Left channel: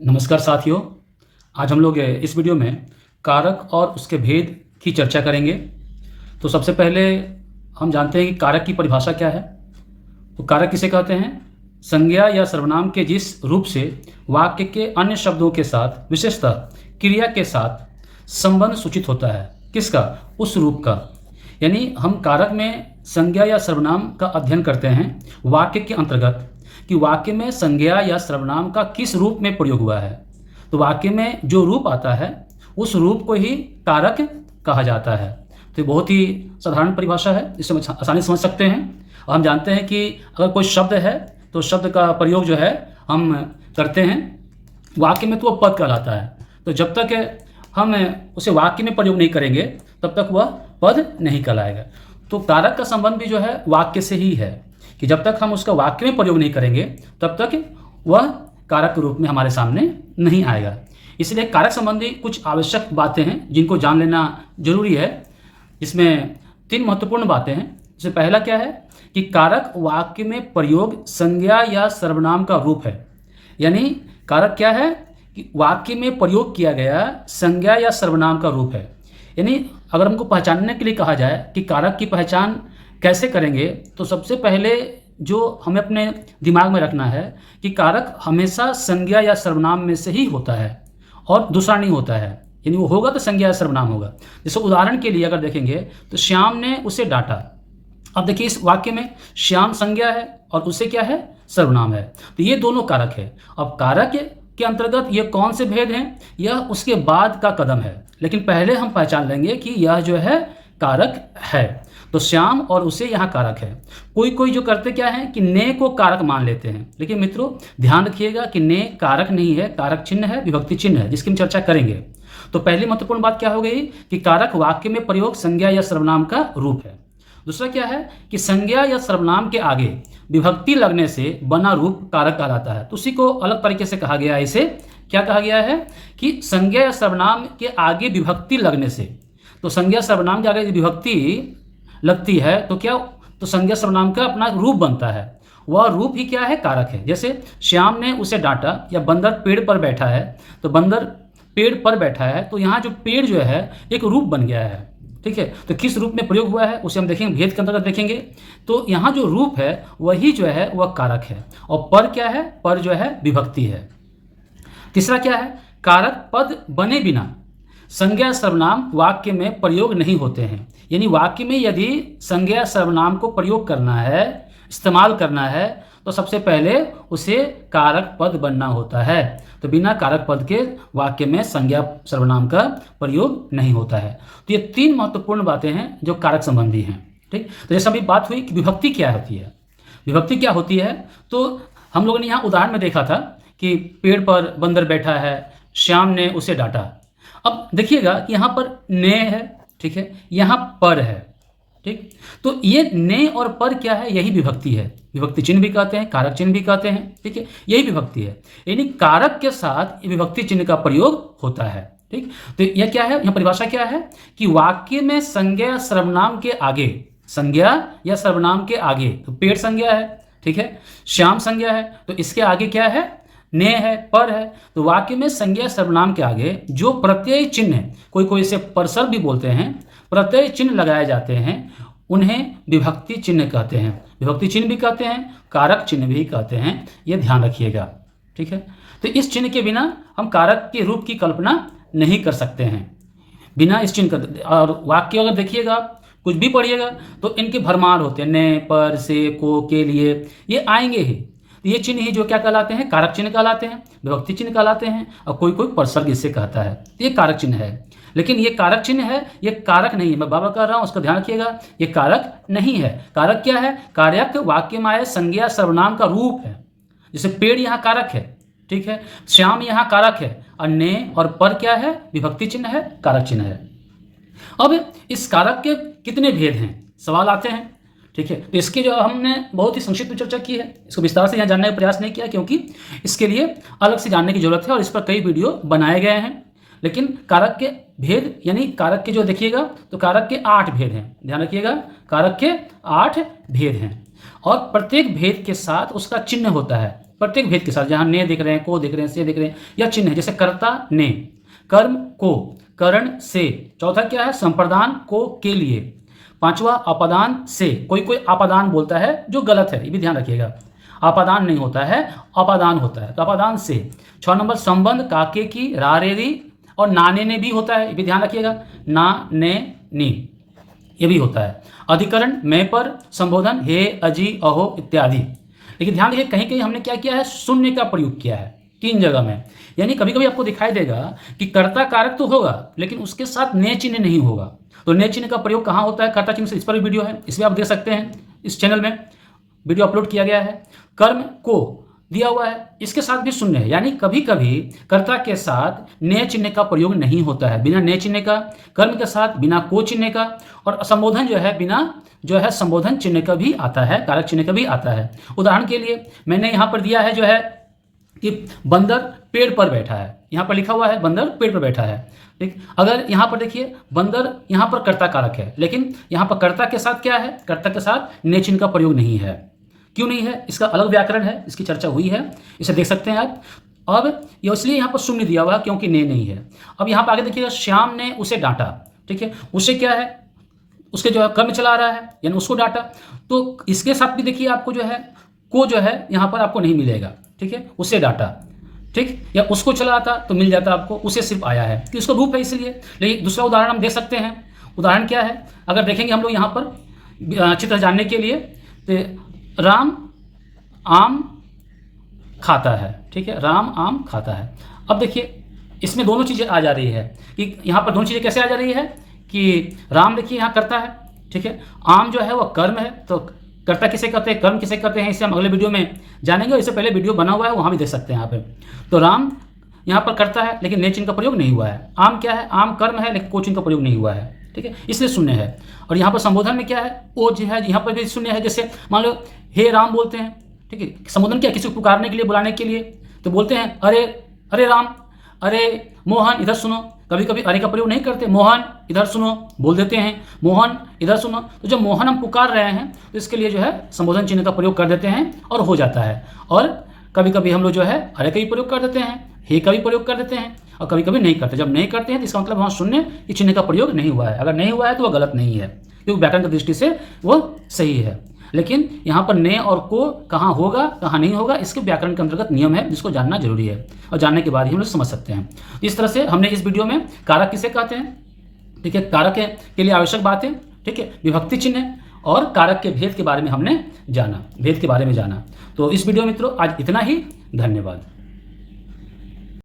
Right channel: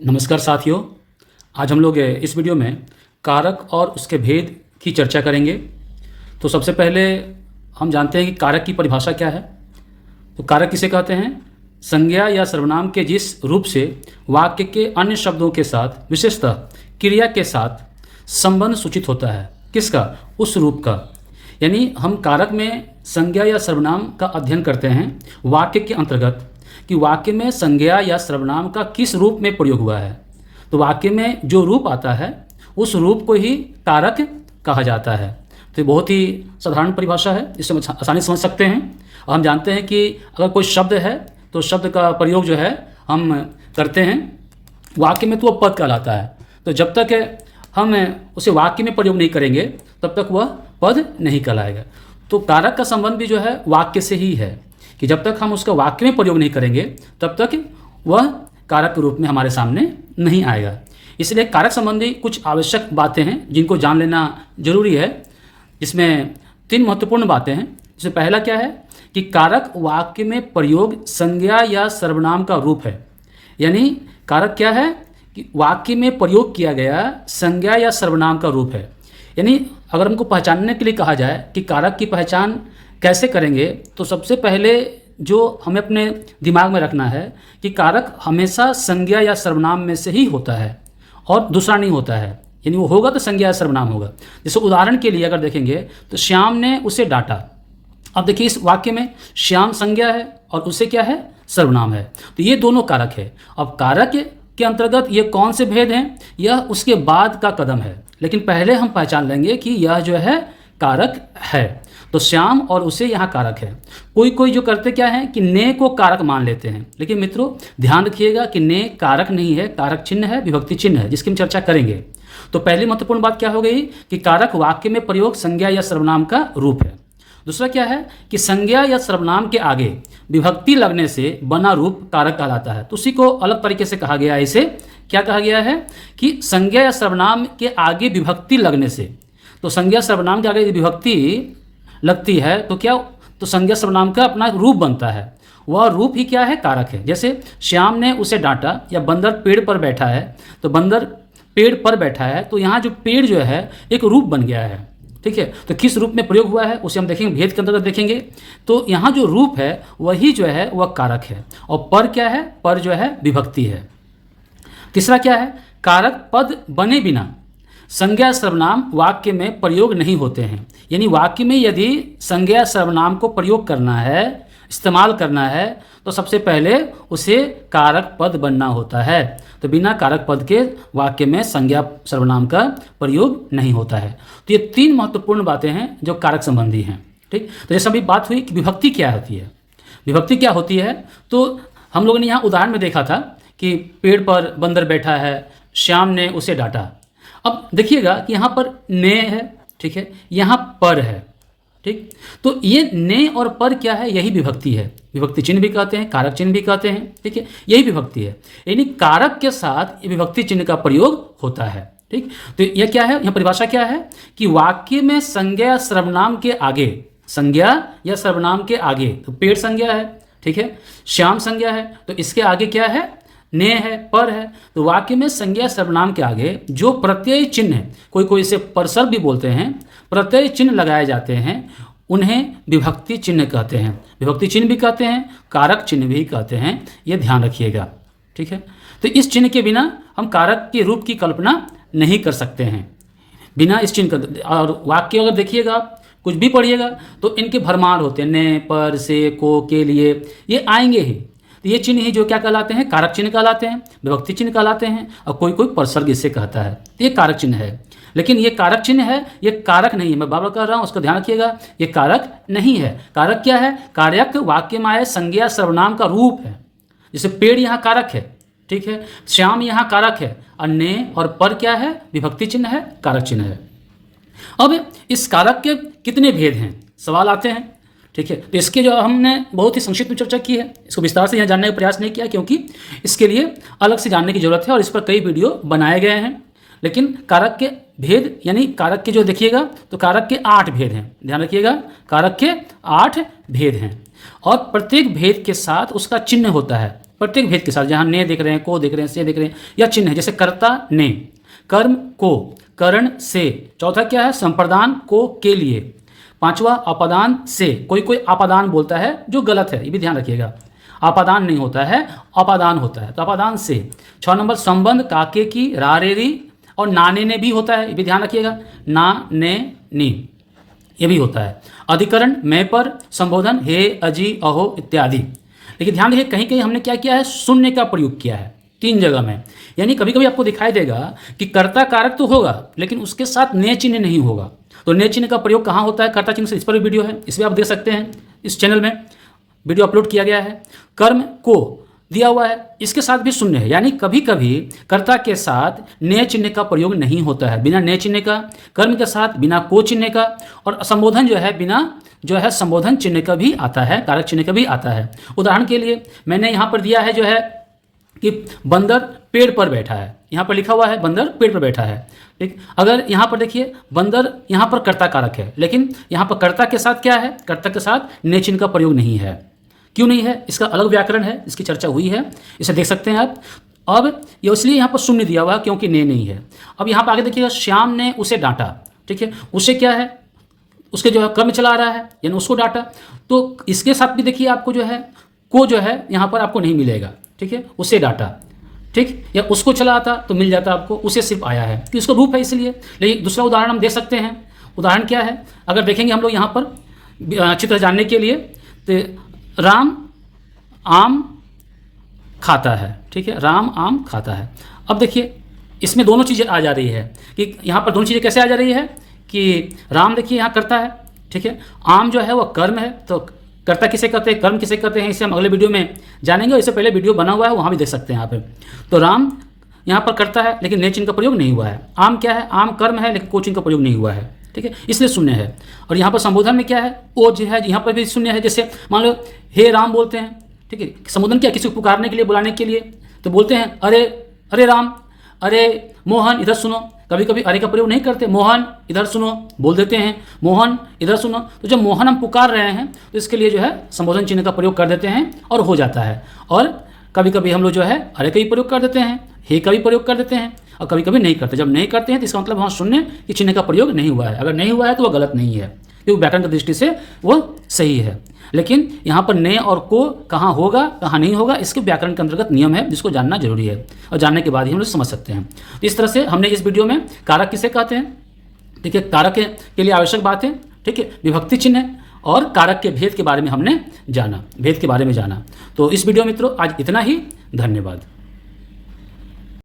नमस्कार साथियों। आज हम लोग इस वीडियो में कारक और उसके भेद की चर्चा करेंगे। तो सबसे पहले हम जानते हैं कि कारक की परिभाषा क्या है। तो कारक किसे कहते हैं? संज्ञा या सर्वनाम के जिस रूप से वाक्य के अन्य शब्दों के साथ, विशेषतः क्रिया के साथ संबंध सूचित होता है। किसका? उस रूप का। यानी हम कारक में संज्ञा या सर्वनाम का अध्ययन करते हैं वाक्य के अंतर्गत कि वाक्य में संज्ञा या सर्वनाम का किस रूप में प्रयोग हुआ है। तो वाक्य में जो रूप आता है उस रूप को ही कारक कहा जाता है। तो ये बहुत ही साधारण परिभाषा है, इससे हम आसानी से समझ सकते हैं। और हम जानते हैं कि अगर कोई शब्द है तो शब्द का प्रयोग जो है हम करते हैं वाक्य में, तो वह पद कहलाता है। तो जब तक हम उसे वाक्य में प्रयोग नहीं करेंगे तब तक वह पद नहीं कहलाएगा। तो कारक का संबंध भी जो है वाक्य से ही है कि जब तक हम उसका वाक्य में प्रयोग नहीं करेंगे तब तक वह कारक के रूप में हमारे सामने नहीं आएगा। इसलिए कारक संबंधी कुछ आवश्यक बातें हैं जिनको जान लेना जरूरी है। इसमें 3 महत्वपूर्ण बातें हैं। इससे पहला क्या है कि कारक वाक्य में प्रयोग संज्ञा या सर्वनाम का रूप है। यानी कारक क्या है कि वाक्य में प्रयोग किया गया संज्ञा या सर्वनाम का रूप है। यानी अगर हमको पहचानने के लिए कहा जाए कि कारक की पहचान कैसे करेंगे, तो सबसे पहले जो हमें अपने दिमाग में रखना है कि कारक हमेशा संज्ञा या सर्वनाम में से ही होता है और दूसरा नहीं होता है। यानी वो होगा तो संज्ञा या सर्वनाम होगा। जैसे उदाहरण के लिए अगर देखेंगे तो श्याम ने उसे डांटा। अब देखिए इस वाक्य में श्याम संज्ञा है और उसे क्या है? सर्वनाम है। तो ये दोनों कारक है। अब कारक के अंतर्गत ये कौन से भेद हैं, यह उसके बाद का कदम है। लेकिन पहले हम पहचान लेंगे कि यह जो है कारक है। तो श्याम और उसे यहाँ कारक है। कोई जो करते क्या है कि ने को कारक मान लेते हैं। लेकिन मित्रों ध्यान रखिएगा कि ने कारक नहीं है, कारक चिन्ह है, विभक्ति चिन्ह है, जिसकी हम चर्चा करेंगे। तो पहली महत्वपूर्ण बात क्या हो गई कि कारक वाक्य में प्रयोग संज्ञा या सर्वनाम का रूप है। दूसरा क्या है कि संज्ञा या सर्वनाम के आगे विभक्ति लगने से बना रूप कारक कहलाता है। तो उसी को अलग तरीके से कहा गया है। इसे क्या कहा गया है कि संज्ञा या सर्वनाम के आगे विभक्ति लगने से, तो संज्ञा सर्वनाम के आगे विभक्ति लगती है तो क्या, तो संज्ञा सर्वनाम का अपना रूप बनता है। वह रूप ही क्या है? कारक है। जैसे श्याम ने उसे डांटा या बंदर पेड़ पर बैठा है, तो बंदर पेड़ पर बैठा है, तो यहाँ जो पेड़ जो है एक रूप बन गया है। ठीक है, तो किस रूप में प्रयोग हुआ है उसे हम देखेंगे, भेद के अंतर्गत देखेंगे। तो यहाँ जो रूप है वही जो है वह कारक है। और पर क्या है? पर जो है विभक्ति है। तीसरा क्या है? कारक पद बने बिना संज्ञा सर्वनाम वाक्य में प्रयोग नहीं होते हैं। यानी वाक्य में यदि संज्ञा सर्वनाम को प्रयोग करना है, इस्तेमाल करना है, तो सबसे पहले उसे कारक पद बनना होता है। तो बिना कारक पद के वाक्य में संज्ञा सर्वनाम का प्रयोग नहीं होता है। तो ये 3 महत्वपूर्ण बातें हैं जो कारक संबंधी हैं। ठीक, तो जैसे अभी बात हुई कि विभक्ति क्या होती है। विभक्ति क्या होती है, तो हम लोगों ने यहाँ उदाहरण में देखा था कि पेड़ पर बंदर बैठा है, श्याम ने उसे डांटा। अब देखिएगा कि यहाँ पर ने है, ठीक है, यहाँ पर है। ठीक, तो ये ने और पर क्या है? यही विभक्ति है। विभक्ति चिन्ह भी कहते हैं, कारक चिन्ह भी कहते हैं। ठीक है, यही विभक्ति है। यानी कारक के साथ विभक्ति चिन्ह का प्रयोग होता है। ठीक, तो यह क्या है? यहाँ परिभाषा क्या है कि वाक्य में संज्ञा सर्वनाम के आगे, संज्ञा या सर्वनाम के आगे, तो पेड़ संज्ञा है, ठीक है, श्याम संज्ञा है, तो इसके आगे क्या है? ने है, पर है। तो वाक्य में संज्ञा सर्वनाम के आगे जो प्रत्यय चिन्ह है, कोई इसे परसर भी बोलते हैं, प्रत्यय चिन्ह लगाए जाते हैं, उन्हें विभक्ति चिन्ह कहते हैं। विभक्ति चिन्ह भी कहते हैं, कारक चिन्ह भी कहते हैं। ये ध्यान रखिएगा। ठीक है, तो इस चिन्ह के बिना हम कारक के रूप की कल्पना नहीं कर सकते हैं, बिना इस चिन्ह का। और वाक्य अगर देखिएगा, कुछ भी पढ़िएगा, तो इनके भरमार होते हैं, ने, पर, से, को, के लिए, ये आएंगे ही। तो ये चिन्ह ही जो क्या कहलाते हैं? कारक चिन्ह कहलाते हैं, विभक्ति चिन्ह कहलाते हैं। और कोई परसर्ग इसे कहता है, तो ये कारक चिन्ह है। लेकिन ये कारक चिन्ह है, ये कारक नहीं है। मैं बार बार कह रहा हूँ, उसका ध्यान रखिएगा, ये कारक नहीं है। कारक क्या है? कारक वाक्य में आए संज्ञा सर्वनाम का रूप है। जैसे पेड़ यहाँ कारक है, ठीक है, श्याम यहाँ कारक है, और ने और पर क्या है? विभक्ति चिन्ह है, कारक चिन्ह है। अब इस कारक के कितने भेद हैं, सवाल आते हैं। ठीक है, तो इसके जो हमने बहुत ही संक्षिप्त में चर्चा की है, इसको विस्तार से यहाँ जानने का प्रयास नहीं किया, क्योंकि इसके लिए अलग से जानने की जरूरत है और इस पर कई वीडियो बनाए गए हैं। लेकिन कारक के भेद, यानी कारक के जो देखिएगा तो कारक के 8 भेद हैं। ध्यान रखिएगा, कारक के 8 भेद हैं और प्रत्येक भेद के साथ उसका चिन्ह होता है। प्रत्येक भेद के साथ, जहाँ ने देख रहे हैं, को देख रहे हैं, से देख रहे हैं, या चिन्ह है, जैसे कर्ता ने, कर्म को, करण से। चौथा क्या है? संप्रदान को, के लिए। पांचवा अपादान से, कोई कोई अपादान बोलता है जो गलत है, ये भी ध्यान रखिएगा, अपादान नहीं होता है, अपादान होता है, तो अपादान से। 6 नंबर संबंध काके की, रा रे री और नाने ने भी होता है, ये भी ध्यान रखिएगा, ना ने नी, ये भी होता है। अधिकरण मैं पर, संबोधन हे, अजी, अहो इत्यादि। लेकिन ध्यान रखिए कहीं कहीं हमने क्या किया है? शून्य का प्रयोग किया है 3 जगह में। यानी कभी कभी आपको दिखाई देगा कि कर्ता कारक तो होगा लेकिन उसके साथ ने चिन्ह नहीं होगा। तो ने चिन्ह का प्रयोग कहाँ होता है? कर्ता चिन्ह से, इस पर भी वीडियो है, इसमें आप देख सकते हैं, इस चैनल में वीडियो अपलोड किया गया है। कर्म को दिया हुआ है, इसके साथ भी शून्य है, यानी कभी कभी कर्ता के साथ ने चिन्ह का प्रयोग नहीं होता है, बिना ने चिन्ह का। कर्म के साथ बिना को चिन्ह का, और संबोधन जो है बिना जो है संबोधन चिन्ह का भी आता है, कारक चिन्ह का भी आता है। उदाहरण के लिए मैंने यहाँ पर दिया है जो है कि बंदर पेड़ पर बैठा है, यहाँ पर लिखा हुआ है बंदर पेड़ पर बैठा है, ठीक। अगर यहाँ पर देखिए बंदर यहाँ पर कर्ता कारक है, लेकिन यहाँ पर कर्ता के साथ क्या है? कर्ता के साथ ने चिन्ह का प्रयोग नहीं है। क्यों नहीं है? इसका अलग व्याकरण है, इसकी चर्चा हुई है, इसे देख सकते हैं आप। अब ये इसलिए यहाँ पर शून्य दिया हुआ है क्योंकि ने नहीं है। अब यहाँ पर आगे देखिएगा, श्याम ने उसे डांटा, ठीक है, उसे क्या है? उसके जो है कर्म चला रहा है, यानी उसको डांटा। तो इसके साथ भी देखिए आपको जो है को जो है यहाँ पर आपको नहीं मिलेगा, ठीक है, उसे डांटा, ठीक, या उसको चला आता तो मिल जाता आपको, उसे सिर्फ आया है कि उसका रूप है इसलिए। लेकिन दूसरा उदाहरण हम देख सकते हैं। उदाहरण क्या है? अगर देखेंगे हम लोग यहाँ पर चित्र जानने के लिए, तो राम आम खाता है, ठीक है, राम आम खाता है। अब देखिए इसमें दोनों चीज़ें आ जा रही है कि यहाँ पर दोनों चीज़ें कैसे आ जा रही है कि राम देखिए यहाँ करता है, ठीक है, आम जो है वह कर्म है, तो कर्ता किसे कहते हैं, कर्म किसे कहते हैं, इसे हम अगले वीडियो में जानेंगे। इससे पहले वीडियो बना हुआ है, वहाँ भी देख सकते हैं यहाँ पे। तो राम यहाँ पर करता है लेकिन ने चिन्ह का प्रयोग नहीं हुआ है। आम क्या है? आम कर्म है लेकिन को चिन्ह का प्रयोग नहीं हुआ है, ठीक है, इसलिए शून्य है। और यहाँ पर संबोधन में क्या है? ओ जो है, यहाँ पर भी शून्य है। जैसे मान लो हे राम बोलते हैं, ठीक है, संबोधन क्या? किसी को पुकारने के लिए, बुलाने के लिए, तो बोलते हैं अरे अरे राम, अरे मोहन इधर सुनो। कभी कभी अरे का प्रयोग नहीं करते, मोहन इधर सुनो बोल देते हैं, मोहन इधर सुनो। तो जब मोहन हम पुकार रहे हैं तो इसके लिए जो है संबोधन चिन्ह का प्रयोग कर देते हैं और हो जाता है। और कभी कभी हम लोग जो है अरे का भी प्रयोग कर देते हैं, हे का भी प्रयोग कर देते हैं, और कभी कभी नहीं करते। जब नहीं करते हैं तो इसका मतलब वहाँ शून्य कि चिन्ह का प्रयोग नहीं हुआ है। अगर नहीं हुआ है तो वह गलत नहीं है, क्योंकि व्याकरण की दृष्टि से वो सही है। लेकिन यहाँ पर ने और को कहाँ होगा कहाँ नहीं होगा, इसके व्याकरण के अंतर्गत नियम है जिसको जानना जरूरी है, और जानने के बाद ही हम लोग समझ सकते हैं। तो इस तरह से हमने इस वीडियो में कारक किसे कहते हैं, ठीक है, कारक के लिए आवश्यक बातें, ठीक है, विभक्ति चिन्ह और कारक के भेद के बारे में हमने जाना, भेद के बारे में जाना। तो इस वीडियो मित्रों आज इतना ही, धन्यवाद।